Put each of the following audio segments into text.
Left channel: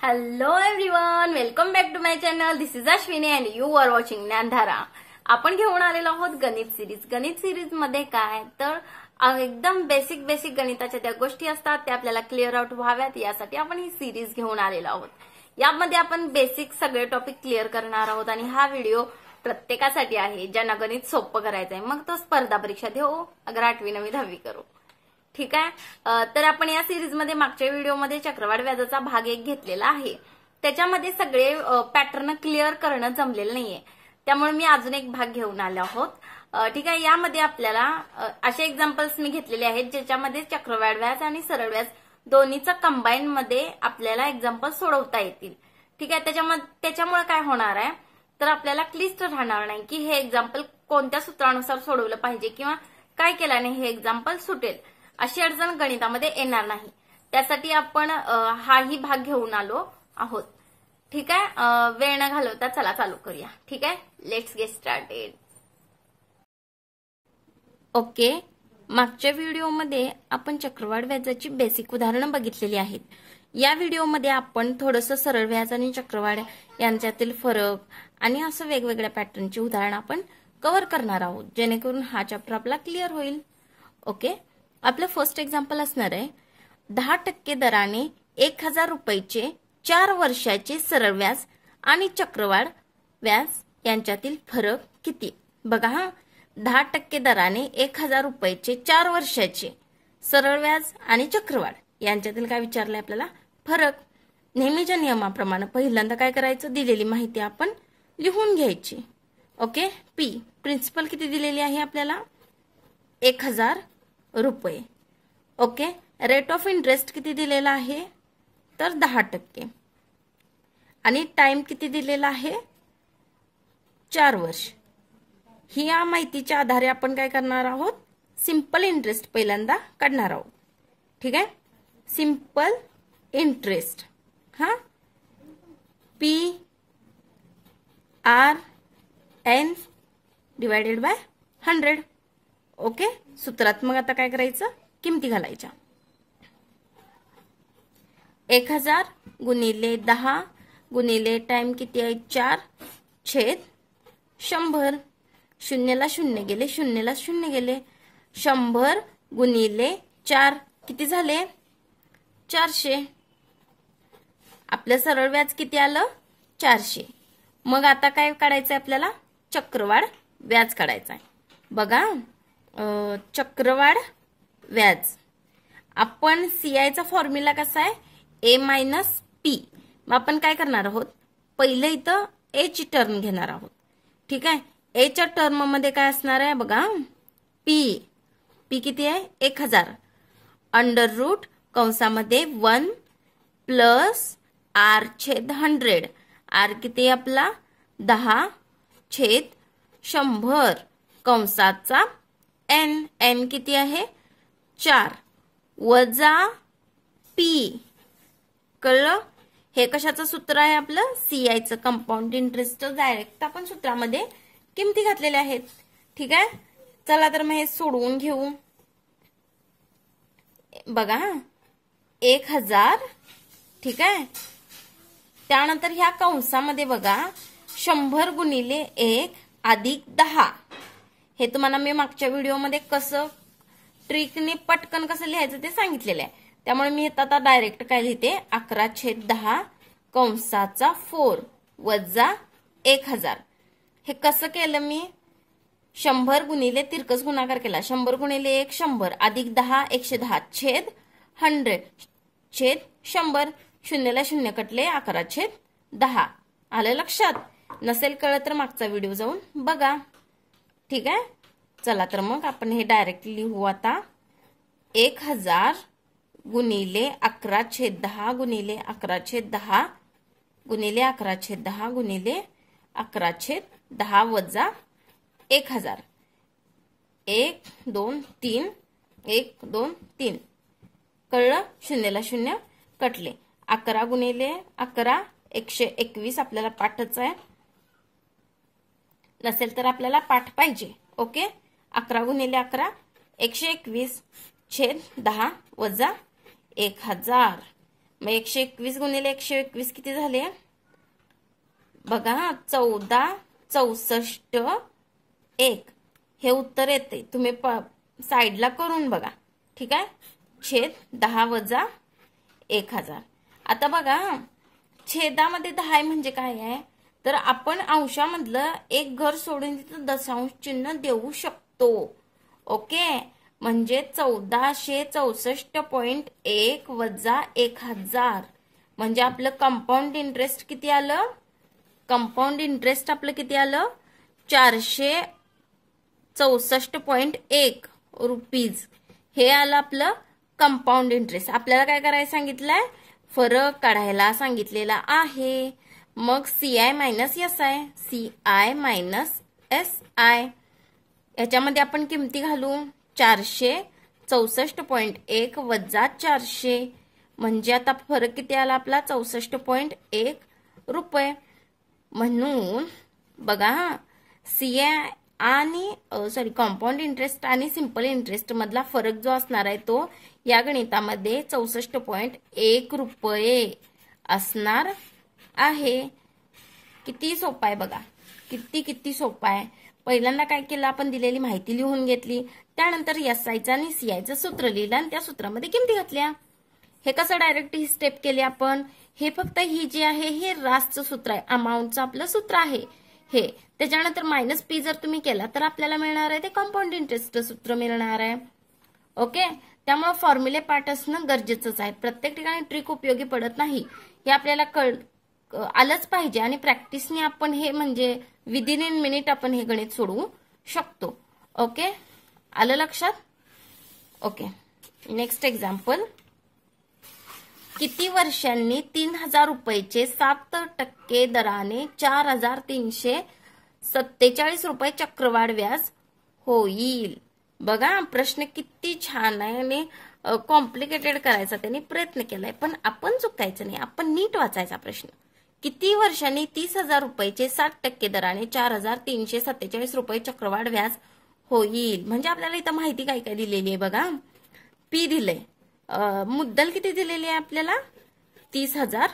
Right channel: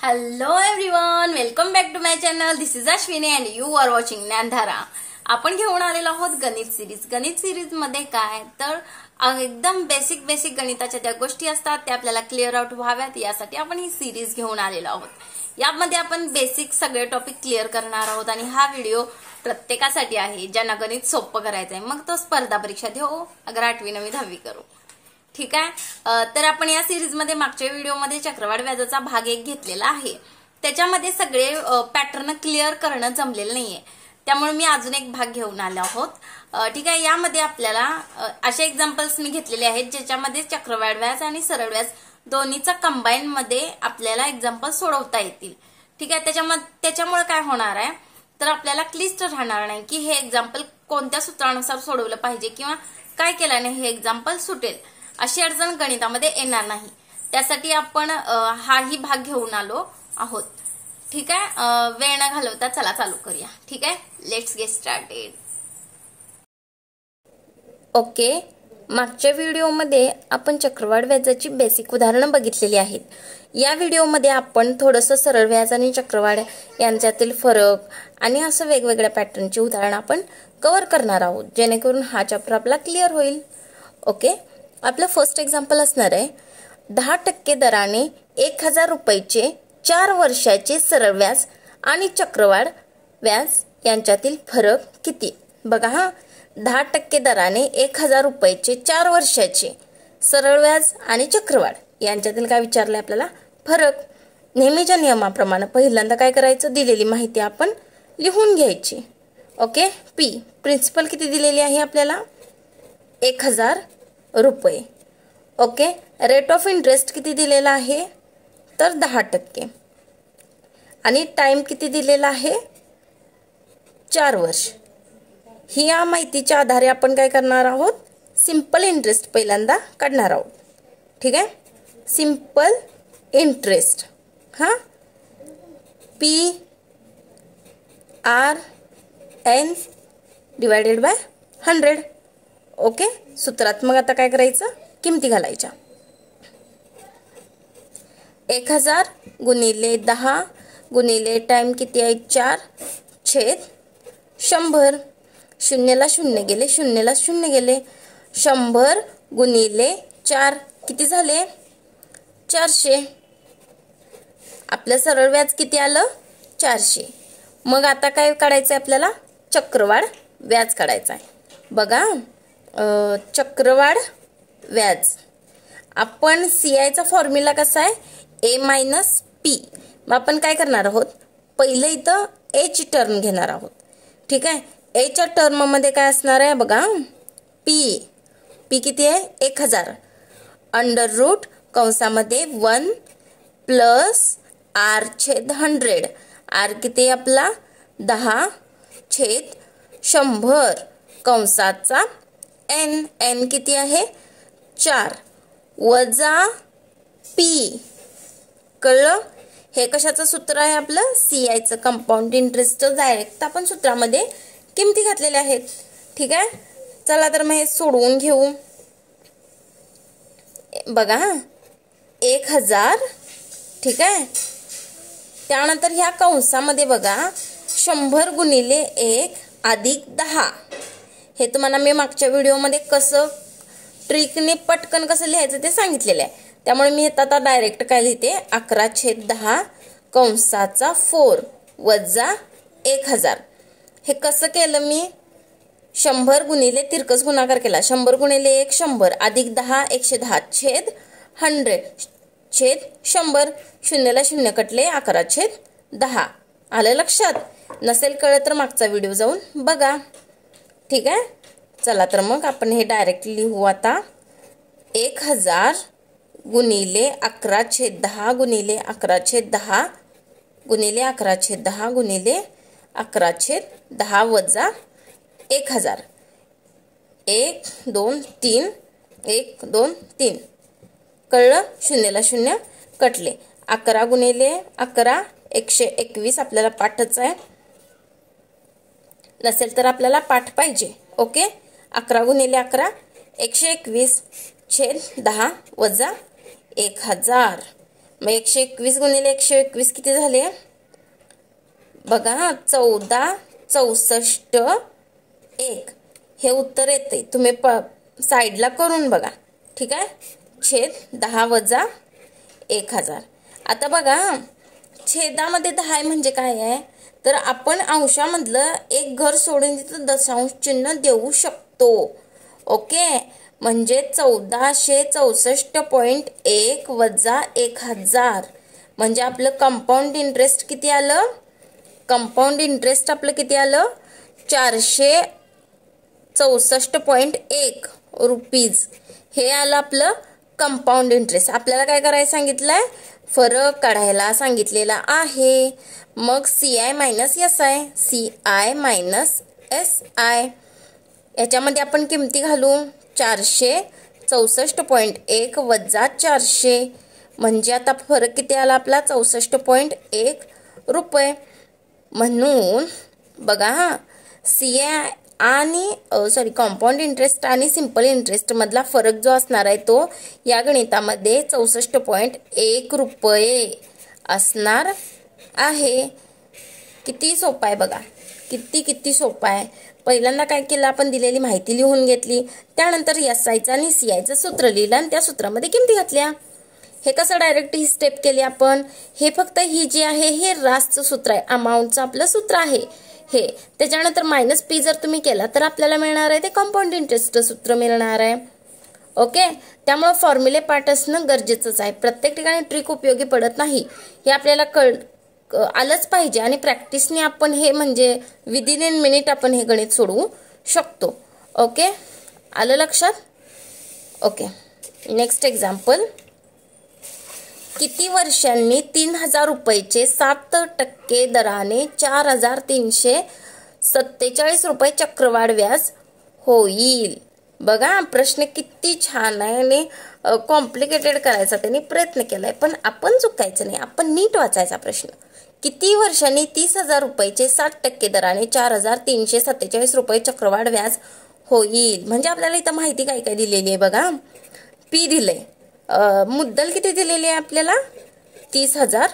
Hello everyone, welcome back to my channel. This is Ashwini and you are watching Gyandhara. आपण घेऊन आलेलो आहोत गणित सिरीज. गणित सिरीज मध्ये काय तर एकदम बेसिक गणिताच्या त्या गोष्टी असतात त्या आपल्याला क्लिअर आउट व्हाव्यात यासाठी आपण ही सिरीज घेऊन आलेलो आहोत. यामध्ये आपण बेसिक सगळे टॉपिक क्लिअर करणार आहोत आणि हा व्हिडिओ प्रत्येकासाठी आहे ज्यांना गणित सोपं करायचं आहे. मग तो स्पर्धा परीक्षा देऊ अगर 8वी 9वी 10वी करू. ठीक आहे. तर आपण या सिरीज मध्ये मागच्या व्हिडिओमध्ये चक्रवाढ व्याजाचा भाग 1 घेतलेला आहे. त्याच्यामध्ये सगळे पॅटर्न क्लिअर करणं जमलेलं नाहीये, त्यामुळे मी अजून एक भाग घेऊन आलो आहोत. ठीक आहे. यामध्ये आपल्याला असे एक्झाम्पल्स मी घेतलेले आहेत ज्याच्यामध्ये चक्रवाढ व्याज आणि सरळ व्याज दोन्हीचा कंबाईन मध्ये आपल्याला एक्झाम्पल सोडवता येतील. ठीक आहे. त्याच्यामुळे काय होणार आहे तर आपल्याला क्लिष्ट राहणार नाही की हे एक्झाम्पल कोणत्या सूत्रानुसार सोडवलं पाहिजे किंवा काय केल्याने हे एक्झाम्पल सुटेल अशी अडचण गणितामध्ये येणार नाही. त्यासाठी आपण हाही भाग घेऊन आलो आहोत. ठीक आहे. वेळ न घालवता चला चालू करूया. ठीक आहे. Let's get started. ओके. मागच्या व्हिडिओमध्ये आपण चक्रवाढ व्याजाची बेसिक उदाहरणं बघितलेली आहेत. या व्हिडिओमध्ये आपण थोडंसं सरळ व्याज आणि चक्रवाढ यांच्यातील फरक आणि असं वेगवेगळ्या पॅटर्नची उदाहरणं आपण कव्हर करणार आहोत जेणेकरून हा चॅप्टर आपला क्लिअर होईल. ओके. आपलं फर्स्ट एक्झाम्पल असणार आहे 10% दराने 1000 रुपयाचे 4 वर्षाचे सरळ व्याज आणि चक्रवाढ व्याज यांच्यातील फरक किती. बघा हा, 10% दराने 1000 रुपयाचे 4 वर्षाचे सरळ व्याज आणि चक्रवाढ यांच्यातील काय विचारलंय आपल्याला फरक. नेहमीच्या नियमाप्रमाणे पहिल्यांदा काय करायचं, दिलेली माहिती आपण लिहून घ्यायची. ओके. प्रिन्सिपल किती दिलेली आहे आपल्याला 1000 रुपये. ओके. रेट ऑफ इंटरेस्ट किती दिलेला आहे तर 10% आणि टाइम किती दिलेला आहे 4 वर्ष. ही या माहितीच्या आधारे आपण काय करणार आहोत, सिंपल इंटरेस्ट पहिल्यांदा काढणार आहोत. ठीक आहे. सिंपल इंटरेस्ट हा PRN डिवायडेड बाय 100. ओके. सूत्रात मग आता काय करायचं, किमती घालायच्या. 1000 गुणिले 10 गुणिले टाइम किती आहे 4 छेद 100. शून्यला शून्य गेले, शून्यला शून्य गेले. 100 गुणिले 4 किती झाले 400. आपलं सरळ व्याज किती आलं 400. मग आता काय काढायचं आहे आपल्याला, चक्रवाढ व्याज काढायचं आहे. बघा चक्रवाढ व्याज आपण CI चा फॉर्म्युला कसा आहे A मायनस P. मग आपण काय करणार आहोत, पहिलं इथं A ची टर्म घेणार आहोत. ठीक आहे. A च्या टर्म मध्ये काय असणार आहे बघा, P किती आहे 1000 अंडर रूट कंसामध्ये 1 प्लस R छेद 100. R किती आहे आपला 10 छेद 100 कंसाचा n किती आहे 4 वजा P. कळलं. हे कशाचं सूत्र आहे आपलं CI चं कंपाऊंड इंटरेस्ट. डायरेक्ट आपण सूत्रामध्ये किमती घातलेल्या आहेत. ठीक आहे. चला तर मग हे सोडवून घेऊ. बघा 1000. ठीक आहे. त्यानंतर ह्या कंसामध्ये बघा 100 गुणिले 1 अधिक 10. हे तुम्हाला मी मागच्या व्हिडिओमध्ये कसं ट्रिकने पटकन कसं लिहायचं ते सांगितलेलं आहे. त्यामुळे मी आता डायरेक्ट काय लिहिते 11/10 कंसाचा 4 वजा 1000. हे कसं केलं मी, 100 गुणिले तिरकस गुणाकार केला. 100 गुणिले 1 100 अधिक 10 110 छेद 100 छेद 100. शून्यला शून्य कटले 11/10. आलं लक्षात. नसेल कळलं तर मागचा व्हिडिओ जाऊन बघा. ठीक आहे. चला तर मग आपण हे डायरेक्ट लिहू आता 1000 गुणिले 11/10 गुणिले 11/10 गुणिले 11/10 गुणिले 11/10 वजा 1000. 1 2 3 1 2 3. कळलं. शून्यला शून्य कटले. 11 गुणिले 11 121. आपल्याला पाठच आहे. नसेल तर आपल्याला पाठ पाहिजे. ओके. 11 गुणिले 11 121 छेद 10 वजा 1000. मग 121 गुणिले 121 किती झाले बघा 14 64 1 हे उत्तर येते. तुम्ही साईडला करून बघा. ठीक आहे. छेद 10 वजा 1000. आता बघा छेदामध्ये 10 म्हणजे काय आहे तर आपण अंशामधलं एक घर सोडून तिथं दशांश चिन्ह देऊ शकतो. ओके म्हणजे 1464.1 वजा 1000 म्हणजे आपलं कंपाऊंड इंटरेस्ट किती आलं. कंपाऊंड इंटरेस्ट आपलं किती आलं 464.1 रुपीज हे आलं आपलं कंपाऊंड इंटरेस्ट. आपल्याला काय करायचं सांगितलंय फरक काढायला सांगितलेला आहे. मग CI minus SI CI minus SI याच्यामध्ये आपण किमती घालू 464.1 वजा 400 म्हणजे आता फरक किती आला आपला 64.1 रुपये. म्हणून बघा CI आणि कंपाऊंड इंटरेस्ट आणि सिंपल इंटरेस्ट मधला फरक जो असणार आहे तो या गणितामध्ये 64.1 रुपये असणार आहे. किती सोपं आहे बघा. किती सोपं आहे. पहिल्यांदा काय केलं आपण दिलेली माहिती लिहून घेतली त्यानंतर SIचं आणि CIचं सूत्र लिहिलं आणि त्या सूत्रामध्ये किमती घातल्या. हे कसं डायरेक्ट ही स्टेप केली आपण. हे फक्त ही जी आहे हे रासचं सूत्र आहे अमाऊंटचं आपलं सूत्र आहे हे. त्याच्यानंतर मायनस P जर तुम्ही केला तर आपल्याला मिळणार आहे ते कंपाऊंड इंटरेस्टचं सूत्र मिळणार आहे. ओके त्यामुळे फॉर्म्युले पार्ट असणं गरजेचंच आहे. प्रत्येक ठिकाणी ट्रिक उपयोगी पडत नाही हे आपल्याला आलंच पाहिजे आणि प्रॅक्टिसने आपण हे म्हणजे विदिन इन मिनिट आपण हे गणित सोडवू शकतो. ओके आलं लक्षात. Okay next example. किती वर्षांनी 3000 रुपयाचे 7% दराने 4347 रुपये चक्रवाढ व्याज होईल. बघा प्रश्न किती छान आहे आणि कॉम्प्लिकेटेड करायचा त्यांनी प्रयत्न केलाय पण आपण चुकायचं नाही. आपण नीट वाचायचा प्रश्न. किती वर्षांनी 30,000 रुपयाचे 7% दराने 4347 रुपये चक्रवाढ व्याज होईल. म्हणजे आपल्याला इथं माहिती काय काय दिलेली आहे बघा. P दिलंय. मुद्दल किती दिलेली आहे आपल्याला 30,000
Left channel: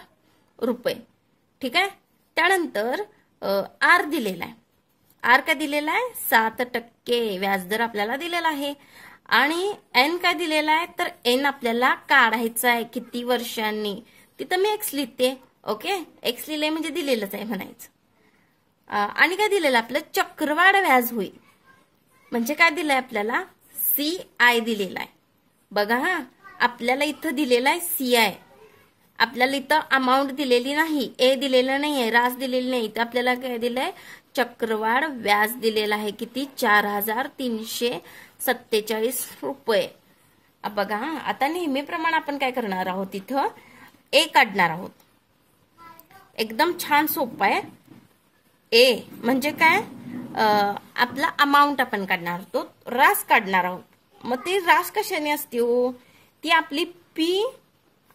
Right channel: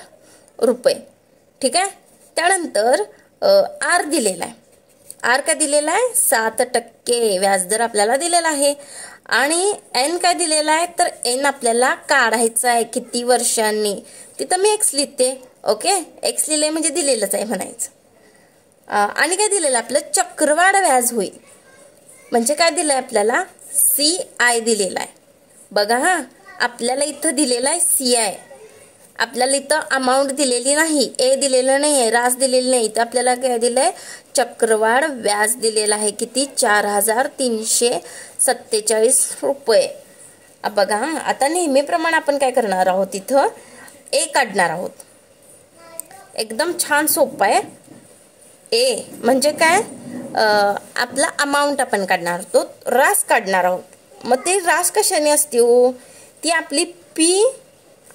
रुपये. ठीक आहे. त्यानंतर R दिलेला आहे. R काय दिलेला आहे 7% व्याजदर आपल्याला दिलेला आहे आणि N काय दिलेला आहे तर N आपल्याला काढायचा आहे किती वर्षांनी. तिथं मी X लिहिते. ओके X लिहिले म्हणजे दिलेलंच आहे म्हणायचं. आणि काय दिलेलं आपलं चक्रवाढ व्याज होईल म्हणजे काय दिलंय आपल्याला CI दिलेला आहे. बघा हा आपल्याला इथं दिलेला आहे CI. आपल्याला इथं अमाऊंट दिलेली नाही A दिलेलं नाही आहे रास दिलेली नाही. इथं आपल्याला काय दिलंय चक्रवाढ व्याज दिलेला आहे किती 4347 रुपये. बघा आता नेहमीप्रमाणे आपण काय करणार आहोत इथं A काढणार आहोत. एकदम छान सोपं आहे. A म्हणजे काय आपला अमाऊंट आपण काढणार आहोत रास काढणार आहोत. मग ते रास कशाने असते हो ती आपली P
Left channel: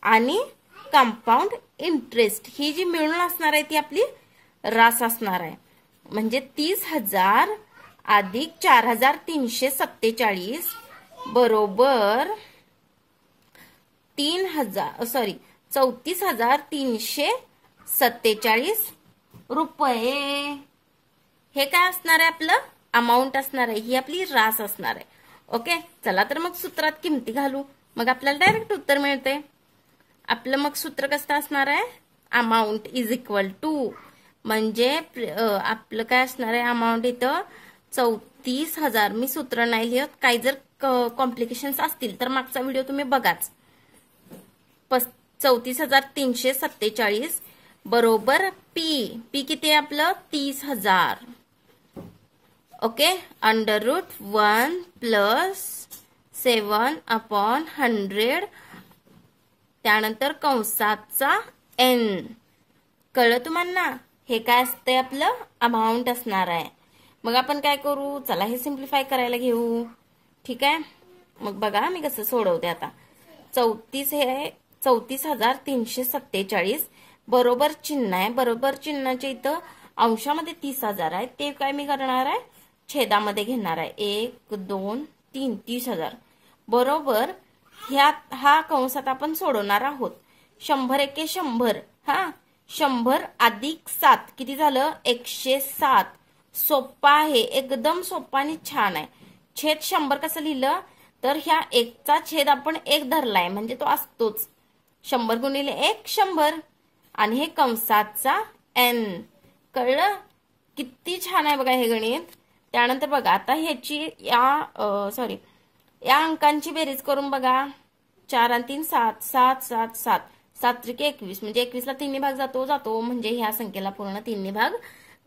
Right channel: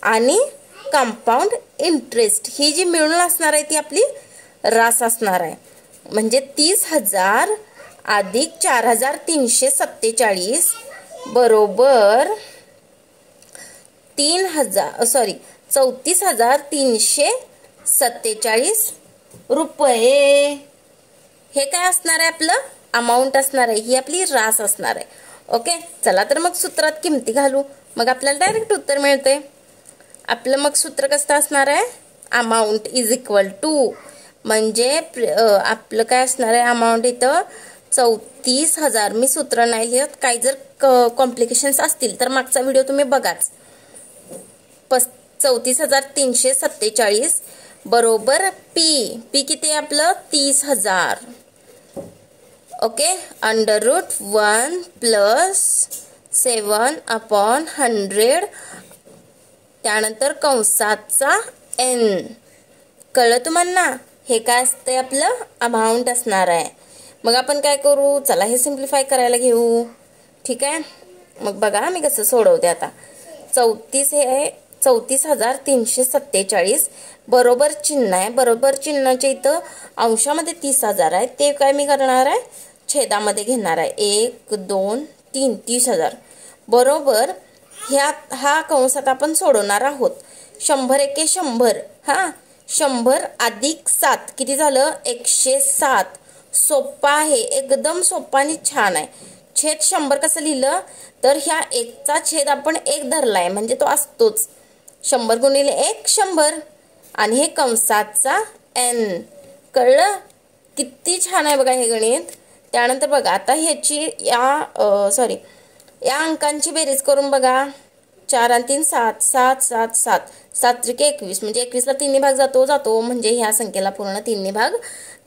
आणि कंपाऊंड इंटरेस्ट ही जी मिळून असणार आहे ती आपली रास असणार आहे. म्हणजे 30,000 अधिक 4347 बरोबर 34,347 रुपये. हे काय असणार आहे आपलं अमाऊंट असणार आहे. ही आपली रास असणार आहे. ओके चला तर मग सूत्रात किमती घालू मग आपल्याला डायरेक्ट उत्तर मिळते. आपलं मग सूत्र कसं असणार आहे अमाऊंट इज इक्वल टू म्हणजे आपलं काय असणार आहे अमाऊंट इथं 34,000. मी सूत्र नाही लिहित. काही जर कॉम्प्लिकेशन्स असतील तर मागचा व्हिडिओ तुम्ही बघाच. 34,347 बरोबर P किती आहे आपलं 30,000. ओके √1 + 7/100 त्यानंतर कंसाचा N. कळलं तुम्हाला. हे काय असते आपलं अमाऊंट असणार आहे. मग आपण काय करू चला हे सिम्प्लिफाय करायला घेऊ. ठीक आहे मग बघा मी कसं सोडवते आता. 34,347 बरोबर चिन्ह आहे. बरोबर चिन्हाच्या इथं अंशामध्ये 30,000 आहे ते काय मी करणार आहे छेदामध्ये घेणार आहे. 1 2 3 30,000 बरोबर हा कंसात आपण सोडवणार आहोत. 100 एके 100 हा 100 अधिक 7 किती झालं 107. सोपा आहे एकदम सोपा आणि छान आहे. छेद 100 कसं लिहिलं तर ह्या 1चा छेद आपण 1 धरलाय म्हणजे तो असतोच. 100 गुणिले 1 100 आणि हे कंसाचा n. कळलं किती छान आहे बघा हे गणित. त्यानंतर बघा आता ह्याची या अंकांची बेरीज करून बघा. 4 आणि 3 7 7 7 7 7 त्रिके 21 म्हणजे 21ला 3 भाग जातो म्हणजे ह्या संख्येला पूर्ण 3 भाग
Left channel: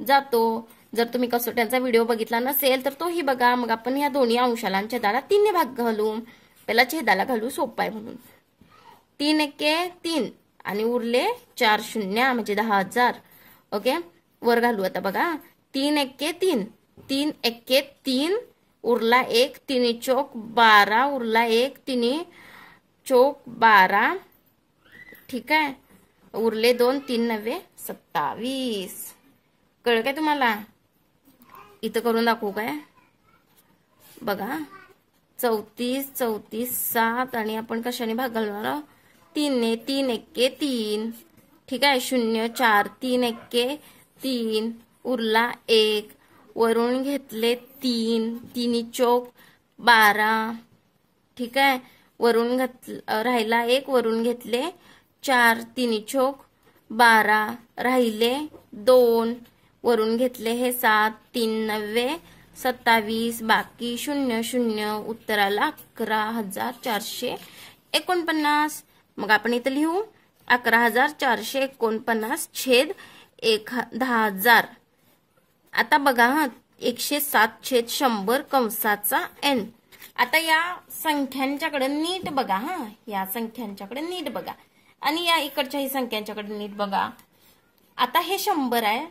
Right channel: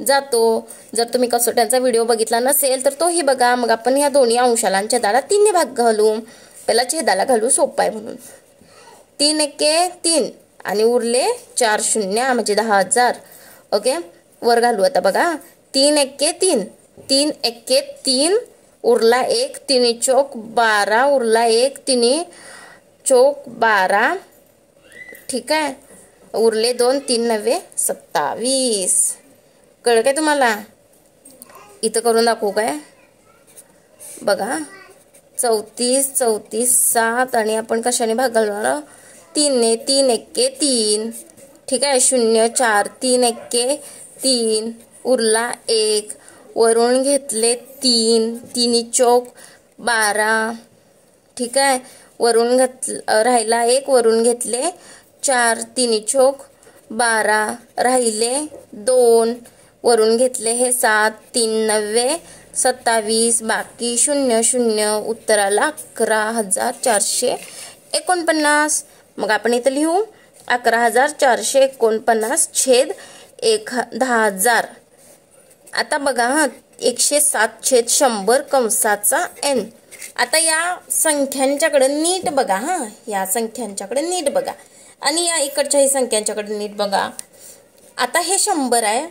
जातो. जर तुम्ही कसोट्यांचा व्हिडिओ बघितला नसेल तर तोही बघा. मग आपण ह्या दोन्ही अंशाला आणि छेदाला 3 भाग घालू. पहिला छेदाला घालू सोपा आहे म्हणून. 3 एके 3 आणि उरले 4 शून्य म्हणजे 10,000. ओके वर घालू आता बघा. 3 एके 3 3 एके 3 उरला 1 3 चौक 12 उरला 1 3 चौक 12. ठीक आहे उरले 2 3 9 27. कळलं काय तुम्हाला. इथं करून दाखवू काय बघा. 34 34 7 आणि आपण कशाने भाग घालणार 3 ने. 3 एके 3 ठीक आहे 0 4 3 एके 3 उरला 1 वरून घेतले 3 3 चौक 12. ठीक आहे वरून राहिला 1 वरून घेतले 4 3 चौक 12 राहिले 2 वरून घेतले हे 7 3 9 27 बाकी 0 0 उत्तराला 11,449. मग आपण इथं लिहू 11,449 छेद 10,000. आता बघा 107 छेद 100 कंसाचा n. आता या संख्यांच्याकडे नीट बघा. या संख्यांच्याकडे नीट बघा आणि या इकडच्याही संख्यांच्याकडे नीट बघा. आता हे 100 आहे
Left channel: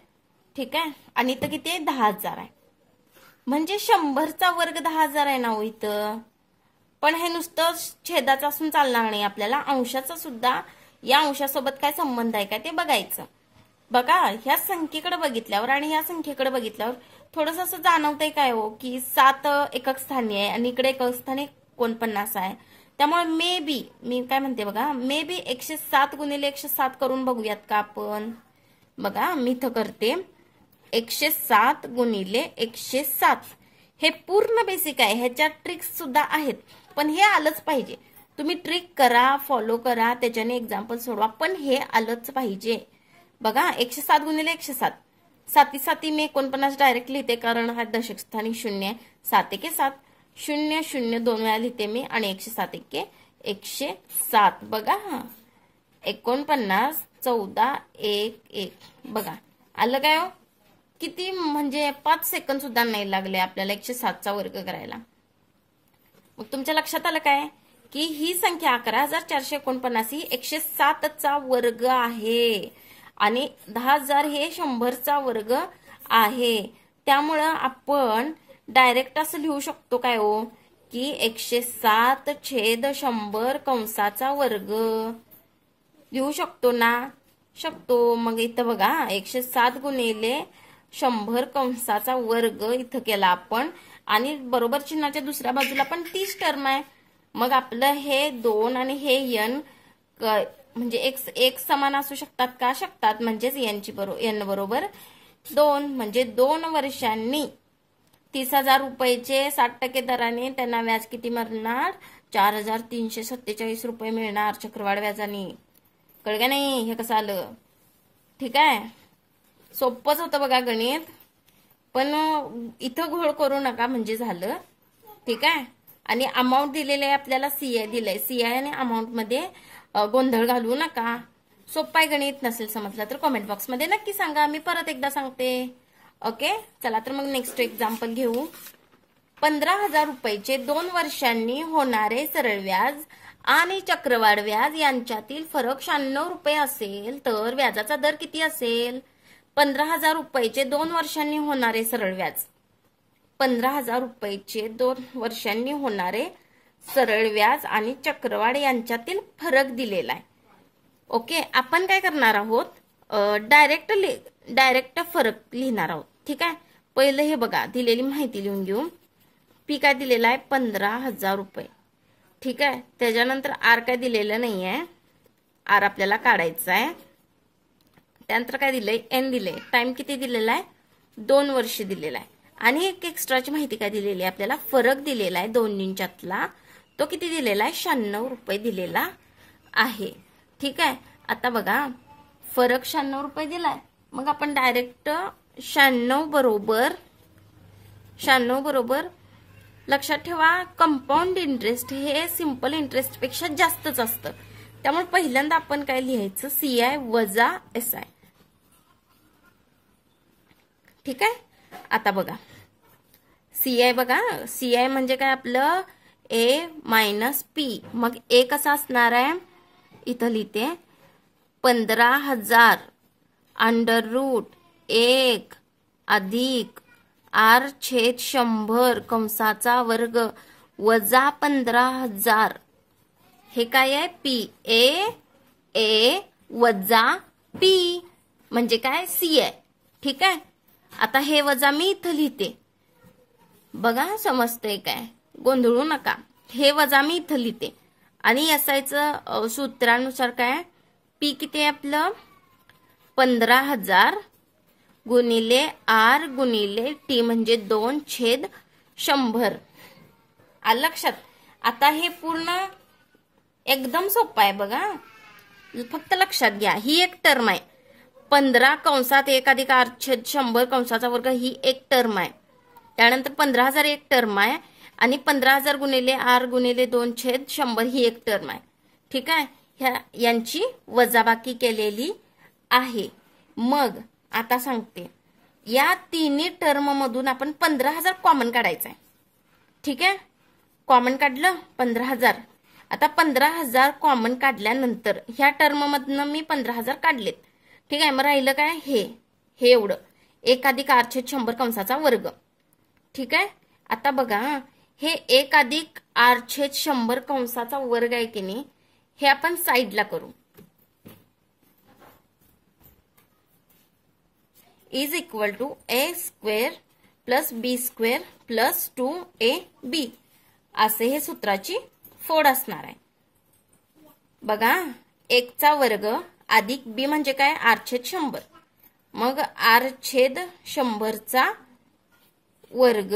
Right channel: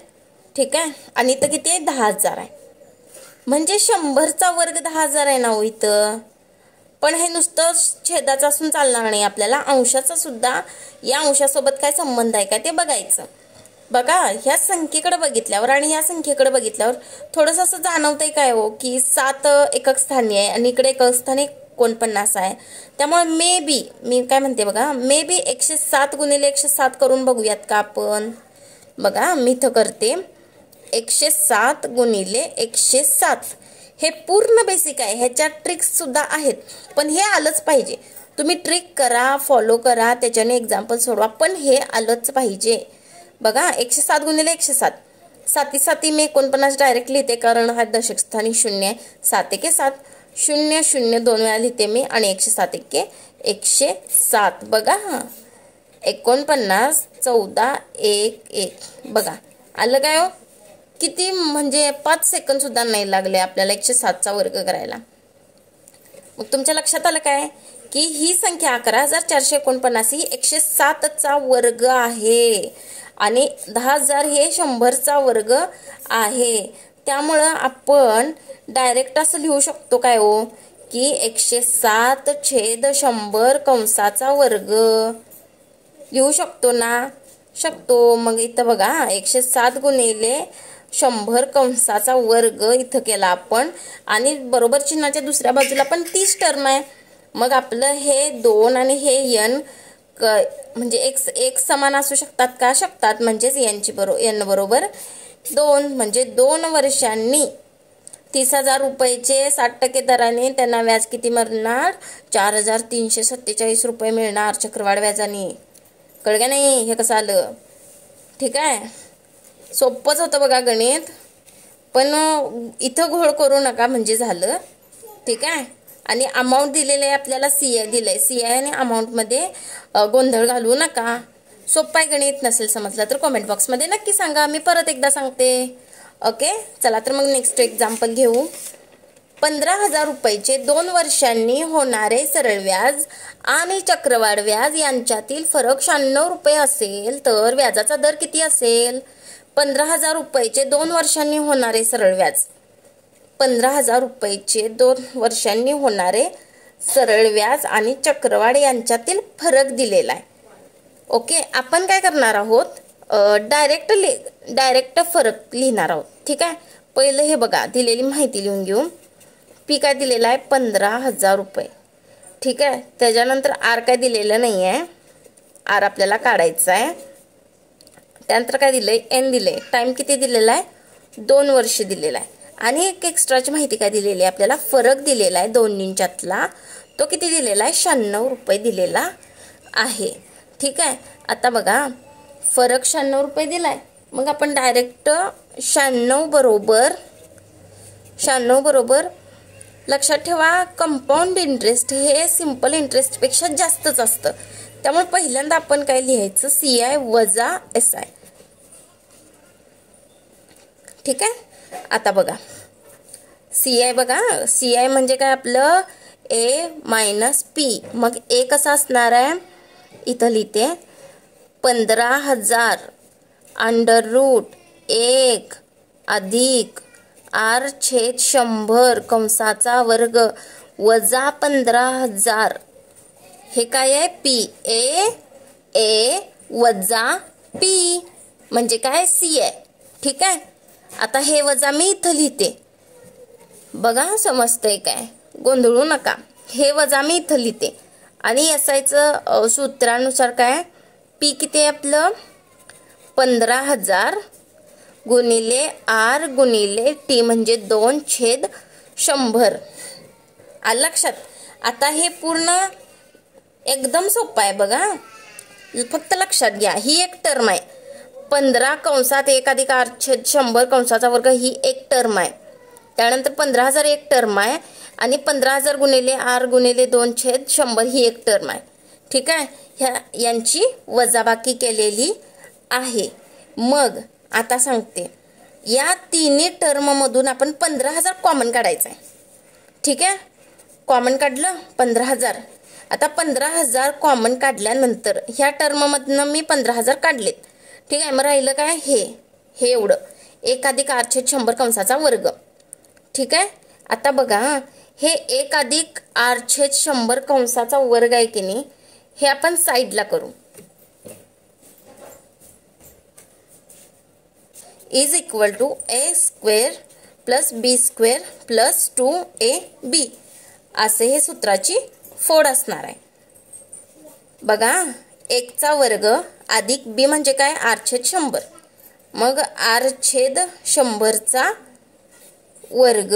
ठीक आहे आणि इथं किती आहे 10,000 आहे म्हणजे 100चा वर्ग 10,000 आहे ना हो इथं. पण हे नुसतं छेदाचं असून चालणार नाही आपल्याला अंशाचा सुद्धा या अंशासोबत काय संबंध आहे का ते बघायचं. बघा ह्या संख्येकडे बघितल्यावर आणि ह्या संख्येकडे बघितल्यावर थोडंसं असं जाणवतंय काय हो की 7 एकक स्थानी आहे आणि इकडे एकक स्थानी 49 आहे. त्यामुळे मे बी मी काय म्हणते बघा मे बी 107 गुणिले 107 करून बघूयात का आपण. बघा मी इथं करते 107 गुणिले 107. हे पूर्ण बेसिक आहे ह्याच्यात ट्रिक्स सुद्धा आहेत पण हे आलंच पाहिजे. तुम्ही ट्रिक करा फॉलो करा त्याच्याने एक्झाम्पल सोडवा पण हे आलंच पाहिजे. बघा 107 गुणिले 107 7 7 मी 49 डायरेक्ट लिहिते कारण हा दशक स्थानी 0 आहे. 7 एके 7 0 0 2 वेळा लिहिते मी आणि 107 एके 107. बघा 49 14 1 1 बघा आलं काय हो. किती म्हणजे 5 सेकंद सुद्धा नाही लागले आपल्याला 107चा वर्ग करायला. मग तुमच्या लक्षात आलं काय की ही संख्या 11,449 ही 107चा वर्ग आहे आणि 10,000 हे 100चा वर्ग आहे. त्यामुळं आपण डायरेक्ट असं लिहू शकतो काय हो की 107 छेद 100 कंसाचा वर्ग लिहू शकतो ना. शकतो. मग इथं बघा 107 गुणिले 100 कंसाचा वर्ग इथं केला आपण आणि बरोबर चिन्हाच्या दुसऱ्या बाजूला पण 30 टर्म आहे. मग आपलं हे 2 आणि हे n म्हणजे एक समान असू शकतात का शकतात म्हणजेच n बरोबर 2 म्हणजे 2 वर्षांनी 30,000 रुपयाचे 60% दराने त्यांना व्याज किती मिळणार 4,347 रुपये मिळणार चक्रवाढ व्याजाने. कळलं का नाही हे कसं आलं. ठीक आहे सोपंच होतं बघा गणित पण इथं घोळ करू नका म्हणजे झालं. ठीक आहे आणि अमाऊंट दिलेलं आहे आपल्याला CI दिलंय CI आणि अमाऊंट मध्ये गोंधळ घालू नका. सोपं आहे गणित. नसेल समजलं तर कमेंट बॉक्स मध्ये नक्की सांगा. मी परत एकदा सांगते. ओके चला तर मग नेक्स्ट एक्झाम्पल घेऊ. 15,000 रुपयाचे 2 वर्षांनी होणारे सरळ व्याज आणि चक्रवाढ व्याज यांच्यातील फरक 96 रुपये असेल तर व्याजाचा दर किती असेल. 15,000 रुपयाचे 2 वर्षांनी होणारे सरळ व्याज 15,000 रुपयाचे 2 वर्षांनी होणारे सरळ व्याज आणि चक्रवाढ यांच्यातील फरक दिलेला आहे. ओके आपण काय करणार आहोत डायरेक्ट फरक लिहिणार आहोत. ठीक आहे पहिलं हे बघा दिलेली माहिती लिहून घेऊ. पी काय दिलेला आहे 15,000 रुपये. ठीक आहे त्याच्यानंतर आर काय दिलेलं नाही आहे आर आपल्याला काढायचा आहे. त्यानंतर काय दिलंय, एन दिलंय. टाइम किती दिलेला आहे, 2 वर्ष दिलेला आहे. आणि एक एक्स्ट्राची माहिती काय दिलेली आहे आपल्याला, फरक दिलेला आहे दोन्हींच्यातला. तो किती दिलेला आहे, 96 रुपये दिलेला आहे. ठीक आहे. आता बघा फरक 96 रुपये दिलाय. मग आपण डायरेक्ट 96 बरोबर लक्षात ठेवा, कंपाऊंड इंटरेस्ट हे सिंपल इंटरेस्ट पेक्षा जास्तच असतं. त्यामुळे पहिल्यांदा आपण काय लिहायचं, CI वजा SI. ठीक आहे. आता बघा CI बघा, CI म्हणजे काय आपलं A मायनस P. मग A कसं असणार आहे, इथं लिहिते 15,000 √1 अधिक R/100 कंसाचा वर्ग वजा 15,000. हे काय आहे, A वजा P म्हणजे काय, CI. ठीक आहे. आता हे वजा मी इथं लिहिते बघा, समजतंय काय, गोंधळू नका. हे वजा मी इथं लिहिते आणि SIचं सूत्रानुसार काय, P किती आहे आपलं 15,000 गुणिले R गुणिले T म्हणजे 2/100. आलं लक्षात. आता हे पूर्ण एकदम सोपं आहे बघा, फक्त लक्षात घ्या. ही एक टर्म आहे, 15 कंसात 1 अधिक R/100 कंसाचा वर्ग ही एक टर्म आहे. त्यानंतर 15,000 एक टर्म आहे आणि 15,000 गुणिले R गुणिले 2/100 ही एक टर्म आहे. ठीक आहे. यांची वजाबाकी केलेली आहे. मग आता सांगते, या तिन्ही टर्म मधून आपण 15,000 कॉमन काढायचं आहे. ठीक आहे. कॉमन काढलं 15,000. आता 15,000 कॉमन काढल्यानंतर ह्या टर्म मधनं मी 15,000 काढलेत. ठीक आहे. मग राहिलं काय, हे एवढं 1 अधिक R/100 कंसाचा वर्ग. ठीक आहे. आता बघा हे 1 अधिक R/100 कंसाचा वर्ग आहे की नाही, हे आपण साईडला करू. Is equal to A² plus B² plus 2AB असे हे सूत्राची फोड असणार आहे. बघा 1चा वर्ग अधिक B म्हणजे काय, R/100. मग R/100चा वर्ग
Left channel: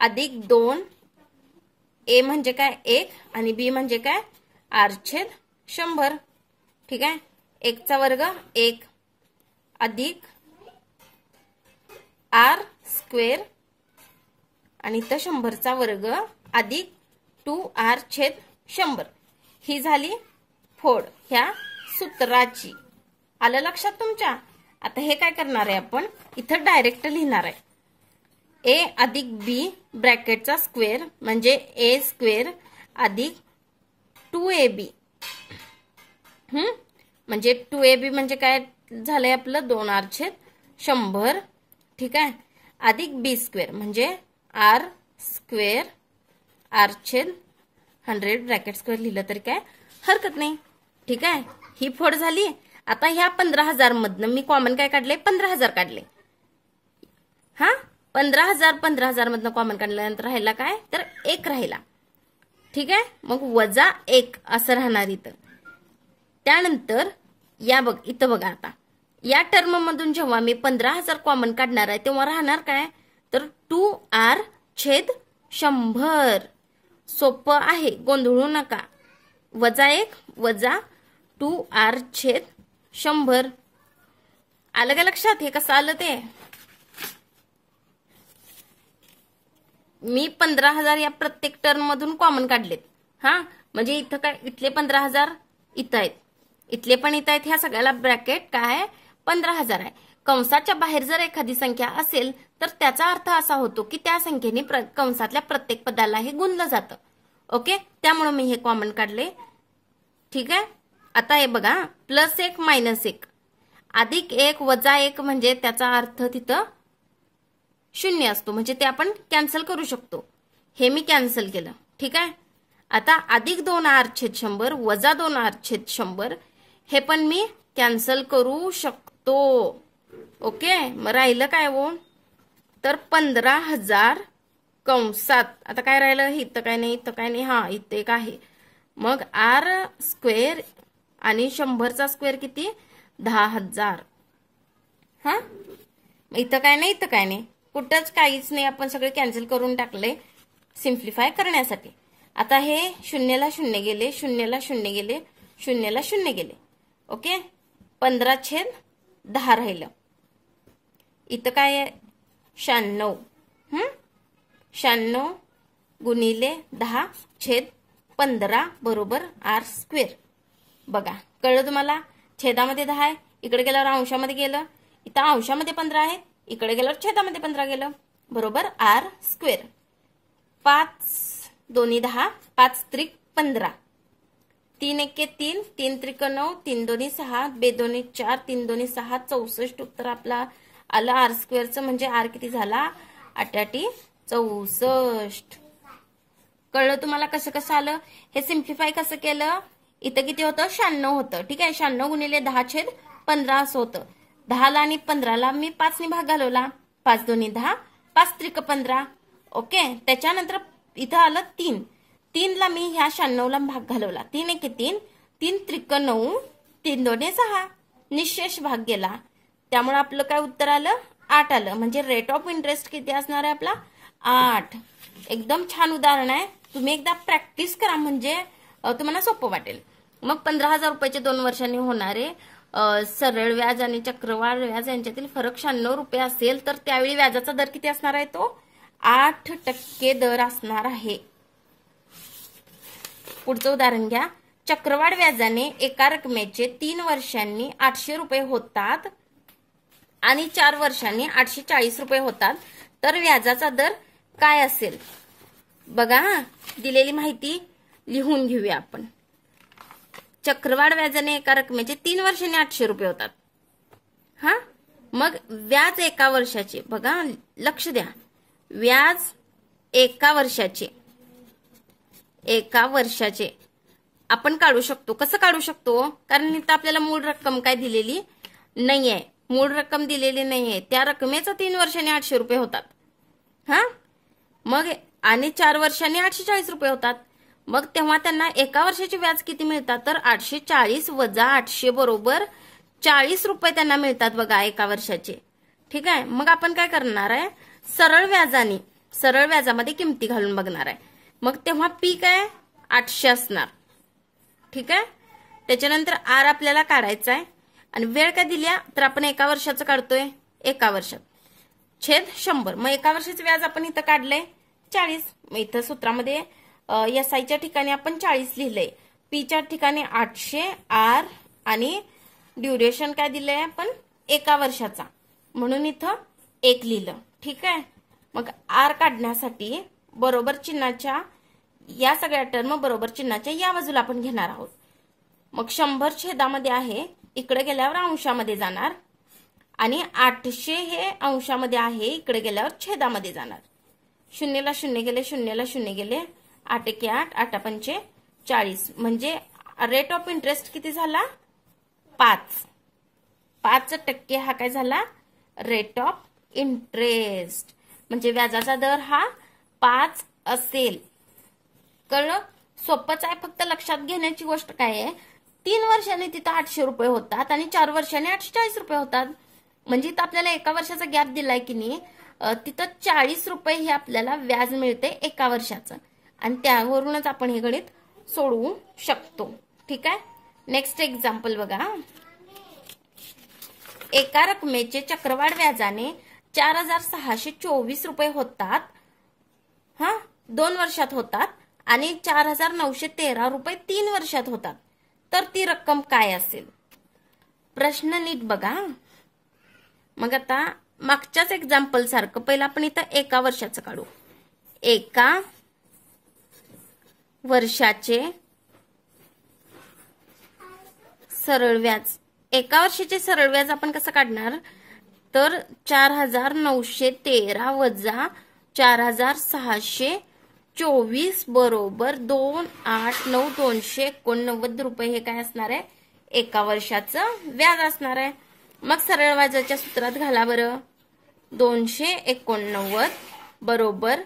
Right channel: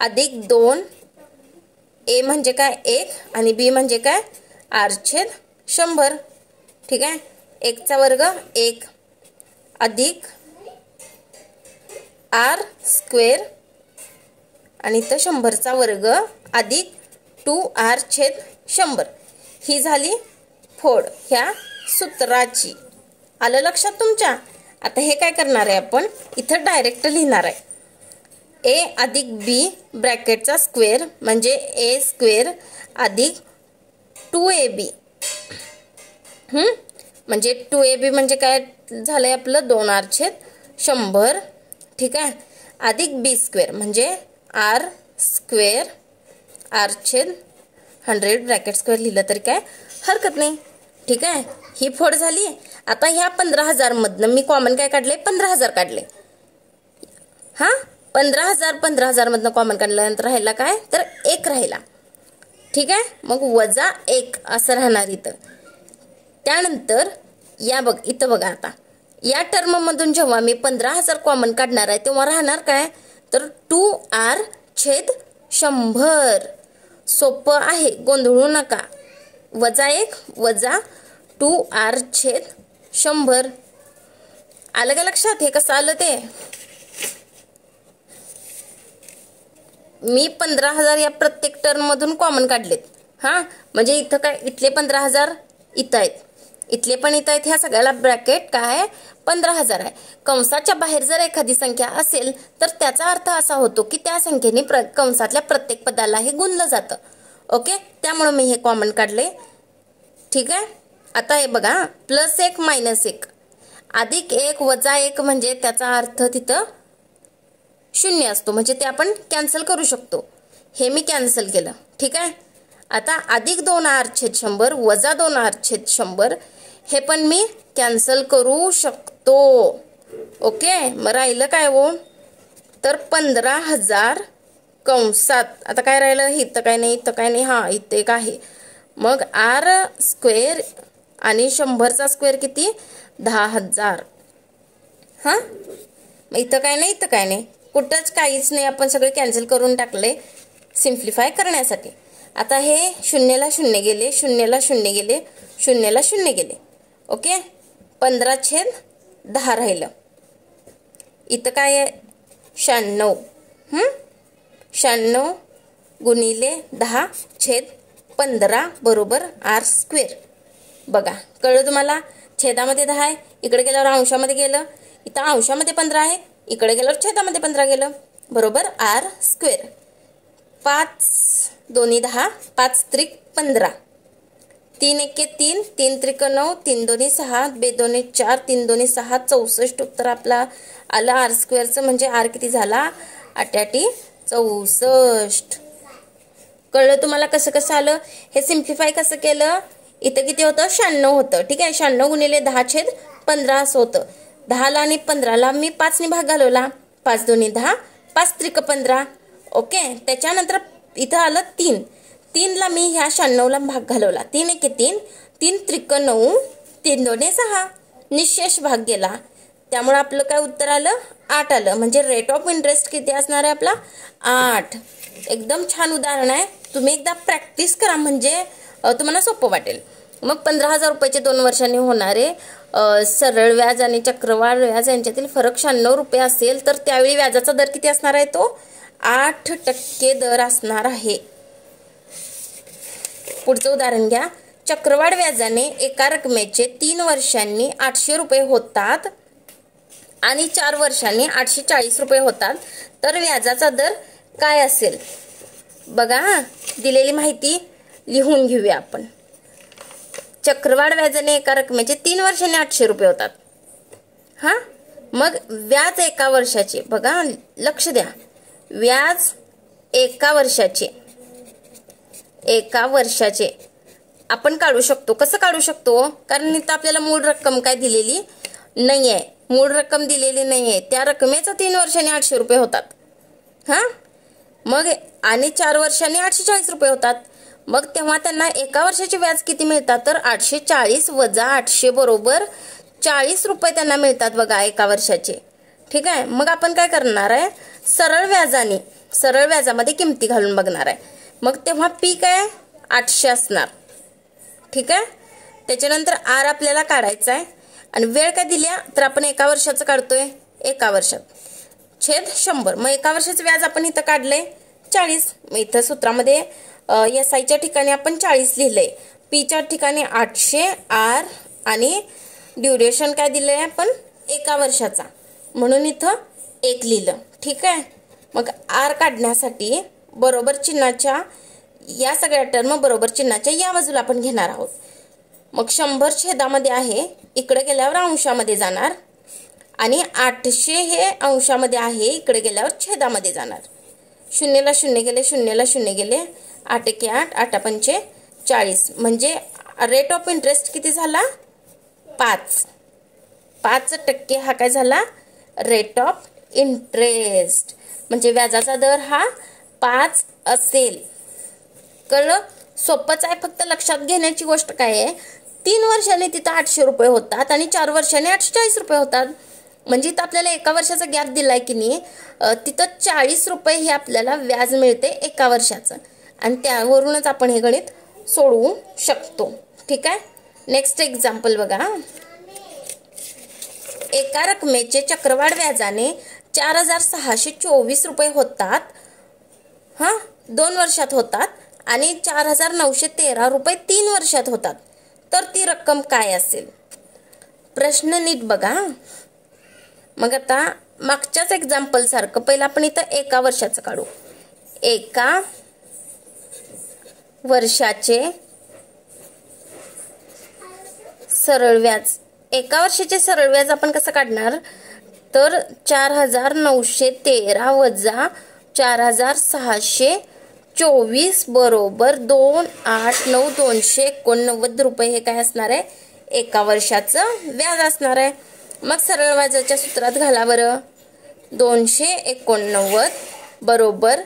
अधिक 2, A म्हणजे काय 1 आणि B म्हणजे काय R/100. ठीक आहे. 1चा वर्ग 1 अधिक R² आणि इथं 100चा वर्ग अधिक 2R/100. ही झाली फोड ह्या सूत्राची. आलं लक्षात तुमच्या. आता हे काय करणार आहे आपण, इथं डायरेक्ट लिहिणार आहे A अधिक B ब्रॅकेटचा स्क्वेअर म्हणजे A² अधिक 2AB. म्हणजे 2AB म्हणजे काय झालंय आपलं 2R/100. ठीक आहे. अधिक B² म्हणजे R² R/100 ब्रॅकेट स्क्वेअर लिहिलं तरी काय हरकत नाही. ठीक आहे. ही फोड झाली. आता ह्या 15,000 मधनं मी कॉमन काय काढले, 15,000 काढले. 15,000 मधनं कॉमन काढल्यानंतर राहिला काय, तर 1 राहिला. ठीक आहे. मग वजा 1 असं राहणार इथं. त्यानंतर इथं बघा, आता या टर्म मधून जेव्हा मी 15,000 कॉमन काढणार आहे तेव्हा राहणार काय, तर 2R/100. सोपं आहे, गोंधळू नका. वजा 1 वजा 2R/100. आलं का लक्षात. हे कसं आलं ते, मी 15,000 या प्रत्येक टर्म मधून कॉमन काढलेत. म्हणजे इथं काय, इथले 15,000 इथं आहेत, इथले पण इथं आहेत. ह्या सगळ्याला ब्रॅकेट काय आहे, 15,000 आहे. कंसाच्या बाहेर जर एखादी संख्या असेल तर त्याचा अर्थ असा होतो की त्या संख्येने कंसातल्या प्रत्येक पदाला हे गुणलं जातं. ओके. त्यामुळे मी हे कॉमन काढले. ठीक आहे. आता हे बघा, +1 -1 अधिक 1 वजा 1 म्हणजे त्याचा अर्थ तिथं 0 असतो. म्हणजे ते आपण कॅन्सल करू शकतो. हे मी कॅन्सल केलं. ठीक आहे. आता अधिक 2R/100 वजा 2R/100 हे पण मी कॅन्सल करू शकतो. ओके. मग राहिलं काय हो, तर 15,000 कंसात आता काय राहिलं, इथं काय नाही, इथं काय नाही, इथं एक आहे. मग आर स्क्वेअर आणि 100चा स्क्वेअर किती 10,000. हा इथं काय नाही, इथं काय नाही, कुठंच काहीच नाही, आपण सगळे कॅन्सल करून टाकले सिम्प्लिफाय करण्यासाठी. आता हे 0ला 0 गेले, 0ला 0 गेले, 0ला 0 गेले. ओके 15/10 राहिलं. इथं काय आहे 96. 96 गुणिले 10/15 बरोबर आर स्क्वेअर. बघा कळलं तुम्हाला. छेदामध्ये 10 आहे, इकडे गेल्यावर अंशामध्ये गेलं, इथं अंशामध्ये 15 आहे, इकडे गेल्यावर छेदामध्ये 15 गेलं, बरोबर आर स्क्वेअर. 5 दोन्ही 10, 5 त्रिक 15, 3 एके 3, 3 त्रिक 9, 3 दोन्ही 6, 2 दोन्ही 4, 3 दोन्ही 6, 64 उत्तर आपला आलं आर स्क्वेअरचं. म्हणजे आर किती झाला 8 64. कळलं तुम्हाला कसं कसं आलं. हे सिम्प्लिफाय कसं केलं. इथं किती होतं 96 होतं. ठीक आहे 96 गुणिले 10/15 असं होतं. 10ला आणि 15ला मी 5 ने भाग घालवला, 5 दोन्ही 10, 5 त्रिक 15. ओके त्याच्यानंतर इथं आलं 3, 3ला मी ह्या 96ला भाग घालवला, 3 एके 3, 3 त्रिक 9, 3 दोन्ही 6, निशेष भाग गेला, त्यामुळे आपलं काय उत्तर आलं 8 आलं. म्हणजे रेट ऑफ इंटरेस्ट किती असणार आहे आपला 8. एकदम छान उदाहरण आहे, तुम्ही एकदा प्रॅक्टिस करा म्हणजे तुम्हाला सोपं वाटेल. मग 15,000 रुपयाचे 2 वर्षांनी होणारे सरळ व्याज आणि चक्रवाढ व्याज यांच्यातील फरक 96 रुपये असेल तर त्यावेळी व्याजाचा दर किती असणार आहे तो 8% दर असणार आहे. पुढचं उदाहरण घ्या. चक्रवाढ व्याजाने एका रकमेचे 3 वर्षांनी 800 रुपये होतात आणि 4 वर्षांनी 840 रुपये होतात तर व्याजाचा दर काय असेल. बघा दिलेली माहिती लिहून घेऊया आपण. चक्रवाढ व्याजाने एका रकमेचे 3 वर्षांनी 800 रुपये होतात. हा मग व्याज एका वर्षाचे, बघा लक्ष द्या, व्याज एका वर्षाचे आपण काढू शकतो. कसं काढू शकतो, कारण इथं आपल्याला मूळ रक्कम काय दिलेली नाहीये, मूळ रक्कम दिलेली नाहीये, त्या रकमेचं 3 वर्षांनी 800 रुपये होतात. हा मग आणि 4 वर्षांनी 840 रुपये होतात. मग तेव्हा त्यांना एका वर्षाचे व्याज किती मिळतात तर 840 वजा 800 बरोबर 40 रुपये त्यांना मिळतात बघा एका वर्षाचे. ठीक आहे मग आपण काय करणार आहे सरळ व्याजामध्ये किमती घालून बघणार आहे. मग तेव्हा पी काय 800 असणार. ठीक आहे त्याच्यानंतर आर आपल्याला काढायचा आहे आणि वेळ काय दिल्या तर आपण एका वर्षाचं काढतोय, एका वर्षात छेद 100. मग एका वर्षाचं व्याज आपण इथं काढलंय 40. मग इथं सूत्रामध्ये SIच्या ठिकाणी आपण 40 लिहिलंय, पीच्या ठिकाणी 800 आर आणि ड्युरेशन काय दिलंय आपण एका वर्षाचा म्हणून इथं 1 लिहिलं. ठीक आहे मग आर काढण्यासाठी बरोबर चिन्हाच्या या सगळ्या टर्म बरोबर चिन्हाच्या या बाजूला आपण घेणार आहोत. मग 100 छेदामध्ये आहे, इकडे गेल्यावर अंशामध्ये जाणार आणि 800 हे अंशामध्ये आहे, इकडे गेल्यावर छेदामध्ये जाणार. 0ला 0 गेले, 0ला 0 गेले, 8 एके 8, 8 पंचे 40. म्हणजे रेट ऑफ इंटरेस्ट किती झाला 5% हा काय झाला रेट ऑफ इंटरेस्ट. म्हणजे व्याजाचा दर हा 5 असेल. कळलं. सोपंच आहे, फक्त लक्षात घेण्याची गोष्ट काय आहे 3 वर्षांनी तिथं 800 रुपये होतात आणि 4 वर्षांनी 840 रुपये होतात. म्हणजे इथं आपल्याला एका वर्षाचा गॅप दिलाय की नाही, तिथं 40 रुपये हे आपल्याला व्याज मिळते एका वर्षाचं आणि त्यावरूनच आपण हे गणित सोडवू शकतो. ठीक आहे नेक्स्ट एक्झाम्पल बघा. एका रकमेचे चक्रवाढ व्याजाने 4,624 रुपये होतात, 2 वर्षात होतात आणि 4,913 रुपये 3 वर्षात होतात तर ती रक्कम काय असेल. प्रश्न नीट बघा. मग आता मागच्याच एक्झाम्पल सारखं पहिलं आपण इथं एका वर्षाचं काढू. एका वर्षाचे सरळ व्याज, एका वर्षाचे सरळ व्याज आपण कसं काढणार तर 4,913 वजा 4,624 बरोबर 2,89289 रुपये हे काय असणार आहे एका वर्षाचं व्याज असणार आहे. मग सरळ व्याजाच्या सूत्रात घाला बरं. 289 बरोबर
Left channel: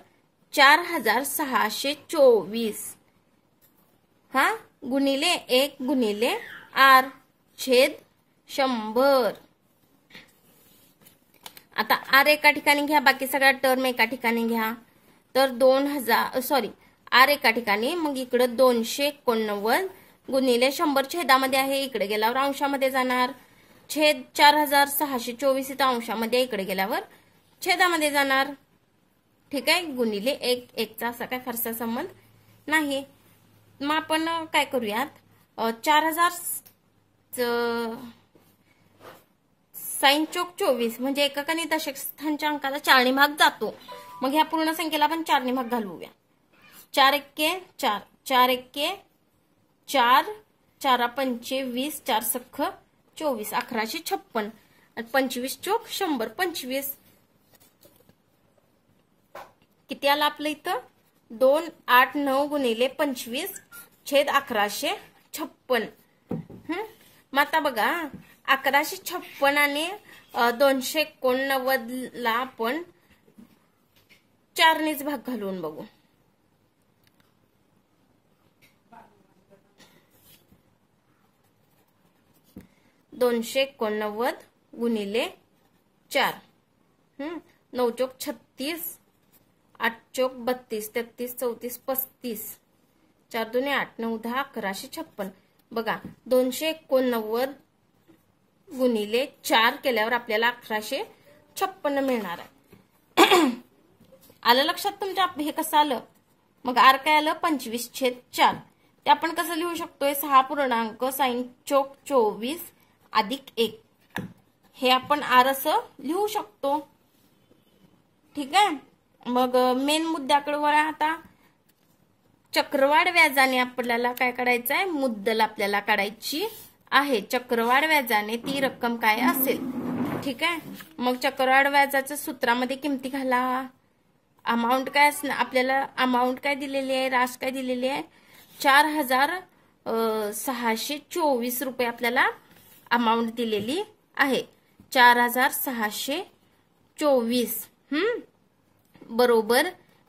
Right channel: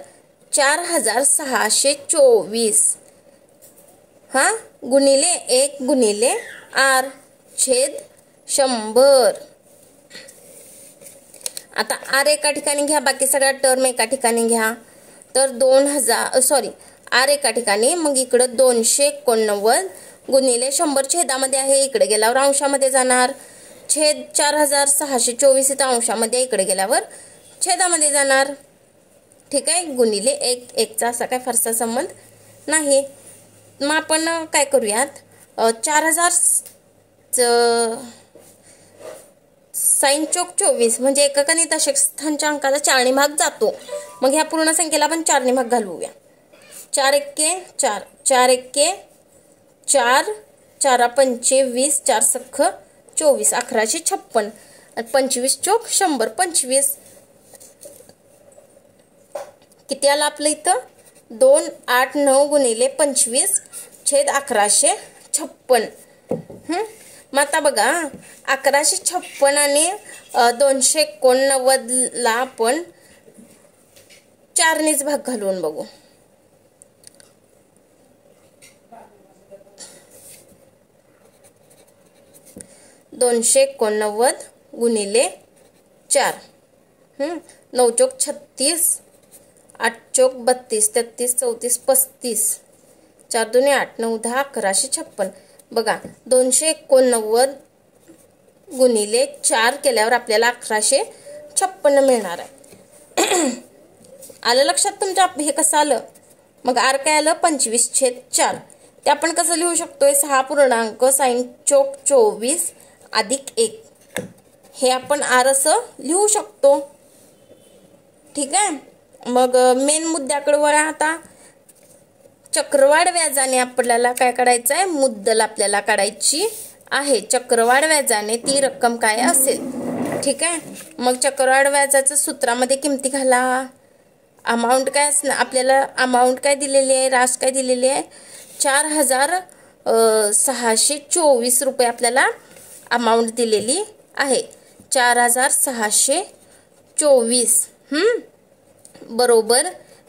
4,624 हा गुणिले 1 गुणिले r छेद 100. आता r एका ठिकाणी घ्या, बाकी सगळ्या टर्म एका ठिकाणी घ्या. तर 2000 r एका ठिकाणी, मग इकडं 289 गुणिले 100 छेदामध्ये आहे, इकडे गेल्यावर अंशामध्ये जाणार. छेद 4624 इथं अंशामध्ये, इकडे गेल्यावर छेदामध्ये जाणार. ठीक आहे, गुणिले 1 1चा असा काय फारसा संबंध नाही. मग आपण काय करूयात, 4000 साइन चौक 24 म्हणजे एकक आणि दशक स्थानच्या अंकाचा 4 ने भाग जातो. मग ह्या पूर्ण संख्येला आपण 4 ने भाग घालवूया. 4 एक्के 4, 4 एक्के 4, 4 पंचे 20, 4 सख्ख 24, 1156. 25 चौक 100, 25. किती आलं आपलं इथं, 289 गुणिले 25 छेद 1156. मग आता बघा 1156 आणि 289 ला आपण 4 नेच भाग घालून बघू. $289 गुणिले 4, 9 चौक 36, 8 चौक 32, 33, 34, 35, 4 दुने 8, 9 10, 1156. बघा 289 गुणिले 4 केल्यावर आपल्याला 1156 मिळणार आहे. आलं लक्षात तुमच्या हे कसं आलं. मग r काय आलं, 25/4. ते आपण कसं लिहू शकतोय, 6 पूर्णांक साइन चौक 24 अधिक 1, हे आपण r असं लिहू शकतो. ठीक आहे, मग मेन मुद्द्याकडे वळा. आता चक्रवाढ व्याजाने आपल्याला काय काढायचं आहे, मुद्दल आपल्याला काढायची आहे. चक्रवाढ व्याजाने ती रक्कम काय असेल. ठीक आहे, मग चक्रवाढ व्याजाचं सूत्रामध्ये किमती घाला. अमाऊंट काय असणार आपल्याला, अमाऊंट काय दिलेली आहे, रास काय दिलेली आहे, 4624 रुपये आपल्याला अमाऊंट दिलेली आहे. 4624 बरोबर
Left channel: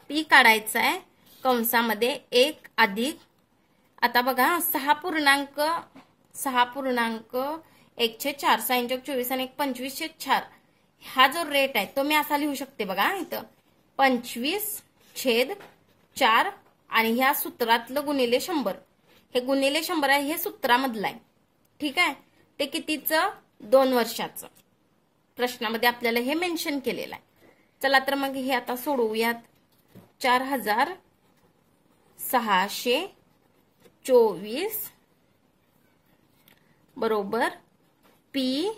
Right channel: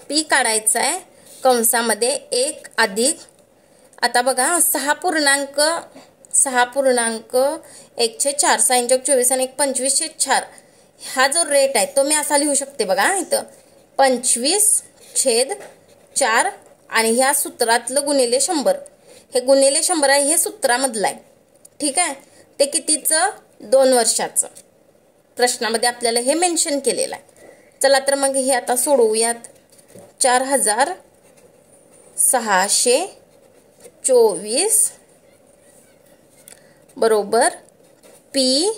पी काढायचा आहे कंसामध्ये 1 अधिक. आता बघा 6.1/4 साइन चौक 24 आणि 25/4 हा जो रेट आहे तो मी असा लिहू शकते. बघा इथं 25/4 आणि ह्या सूत्रातलं गुणिले 100, हे गुणिले 100 आहे, हे सूत्रामधलं आहे. ठीक आहे, ते कितीचं, 2 वर्षाचं. प्रश्नामध्ये आपल्याला हे मेन्शन केलेलं आहे. चला तर मग हे आता सोडवूयात. 4624 बरोबर पी.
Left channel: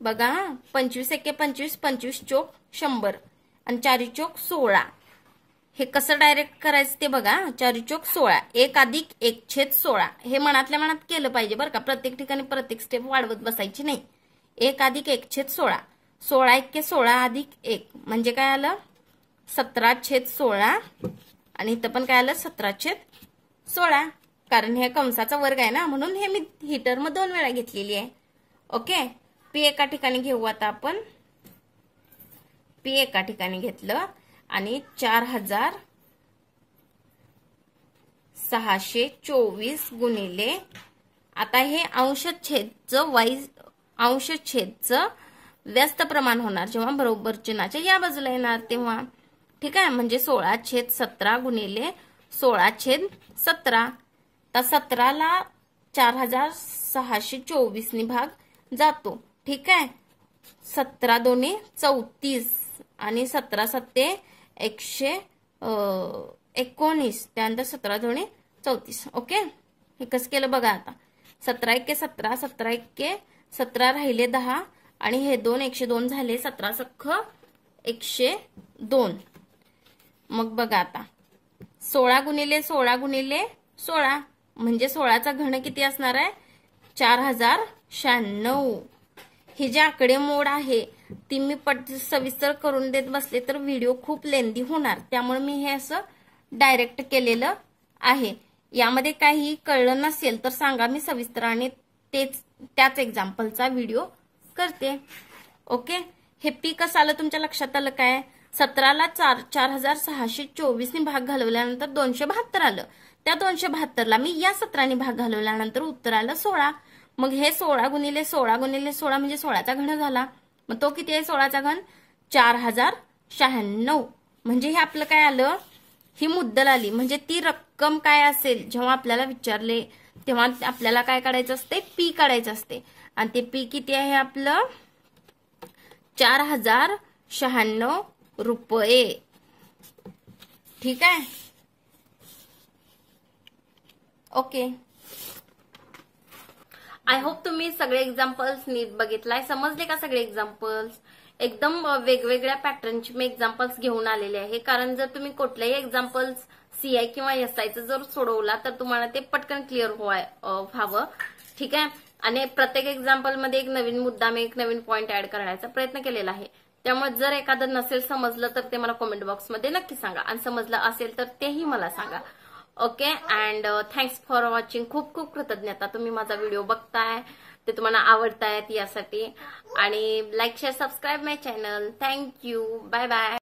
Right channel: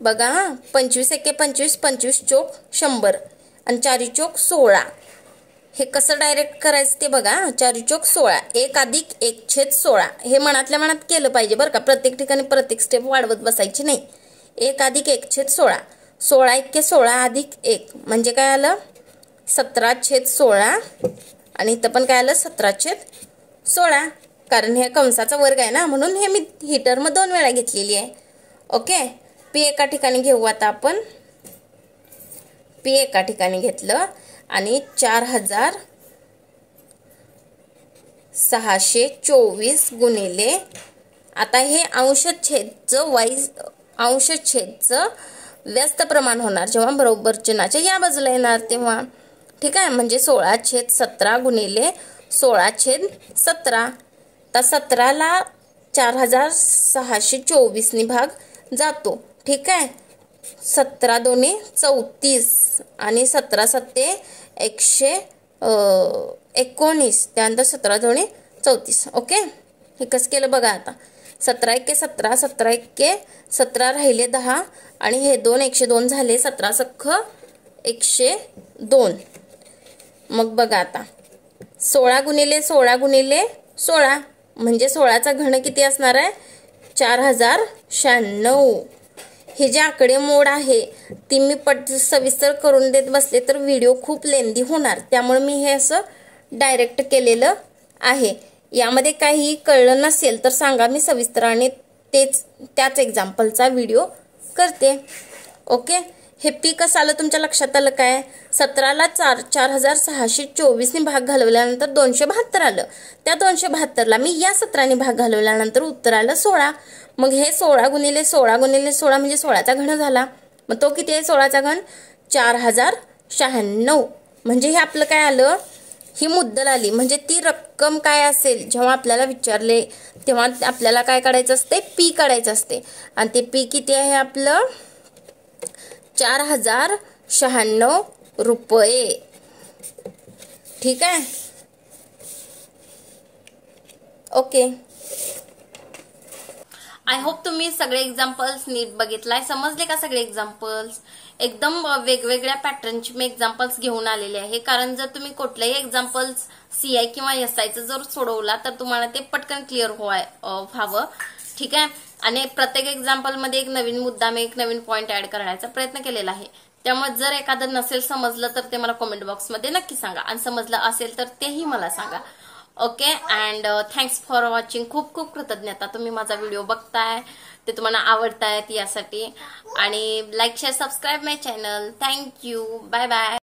बघा 25 एक्के 25, 25 चौक 100 आणि 4 चौक 16. हे कसं डायरेक्ट करायचं ते बघा. 4 चौक 16, 1 अधिक 1/16. हे मनातल्या मनात केलं पाहिजे बरं का, प्रत्येक ठिकाणी प्रत्येक स्टेप वाढवत बसायची नाही. 1 अधिक 1/16, 16 एक्के 16 अधिक 1 म्हणजे काय आलं, 17/16. आणि इथं पण काय आलं, 17/16. कारण हे कंसाचा वर्ग आहे ना, म्हणून हे मी ही टर्म 2 वेळा घेतलेली आहे. ओके, पी एका ठिकाणी घेऊ. आता आपण पी एका ठिकाणी घेतलं आणि 4624 गुणिले, आता हे अंशछेदचं व्यस्त प्रमाण होणार जेव्हा बरोबर चिन्हाच्या या बाजूला येणार तेव्हा. ठीक आहे, म्हणजे 16/17 गुणिले 16/17. तर 17ला 4624 ने भाग जातो. ठीक आहे, 17 दोन्ही 34 आणि 17 सत्ते 119, त्यानंतर 17 दोन्ही 34. ओके, हे कसं केलं बघा. आता 17 एक्के 17, 17 एक्के 17 राहिले 10 आणि हे 2 102 झाले, 17 सख्ख 102. मग बघा आता 16 गुणिले 16 गुणिले 16 म्हणजे 16चा घन किती असणार आहे, 4096. हे जे आकडेमोड आहे ती मी सविस्तर करून देत बसले तर व्हिडिओ खूप लेंदी होणार, त्यामुळे मी हे असं डायरेक्ट केलेलं आहे. यामध्ये काही कळलं नसेल तर सांगा, मी सविस्तर आणि त्याच एक्झाम्पलचा व्हिडिओ करते. ओके, हे पी कसं आलं तुमच्या लक्षात आलं काय? 17ला 4624 ने भाग घालवल्यानंतर 272 आलं. त्या 272ला मी या 17ने भाग घालवल्यानंतर उत्तर आलं 16. मग हे 16 गुणिले 16 गुणिले 16 म्हणजे 16चा घन झाला. मग तो किती आहे 16चा घन? 4096. म्हणजे हे आपलं काय आलं? ही मुद्दल आली. म्हणजे ती रक्कम काय असेल जेव्हा आपल्याला विचारले तेव्हा आपल्याला काय काढायचं असते? पी काढायचं असते. आणि ते पी किती आहे आपलं? 4096 रुपये. ठीक आहे. ओके. आय होप तुम्ही सगळे एक्झाम्पल्स नीट बघितलाय. समजले का सगळे एक्झाम्पल्स? एकदम वेगवेगळ्या पॅटर्नची मी एक्झाम्पल्स घेऊन आलेले आहे. कारण जर तुम्ही कुठल्याही एक्झाम्पल्स सीआय किंवा एसआयचं जर सोडवला तर तुम्हाला ते पटकन क्लिअर व्हावं. ठीक आहे. आणि प्रत्येक एक्झाम्पल मध्ये एक नवीन मुद्दा मी एक नवीन पॉइंट ऍड करण्याचा प्रयत्न केलेला आहे. त्यामुळे जर एखादं नसेल समजलं तर ते मला कमेंट बॉक्समध्ये नक्की सांगा. आणि समजलं असेल तर तेही मला सांगा. Okay. And thanks for watching. खूप खूप कृतज्ञता तुम्ही माझा व्हिडिओ बघताय, ते तुम्हाला आवडतायत यासाठी. आणि like share subscribe my channel. Thank you. Bye bye.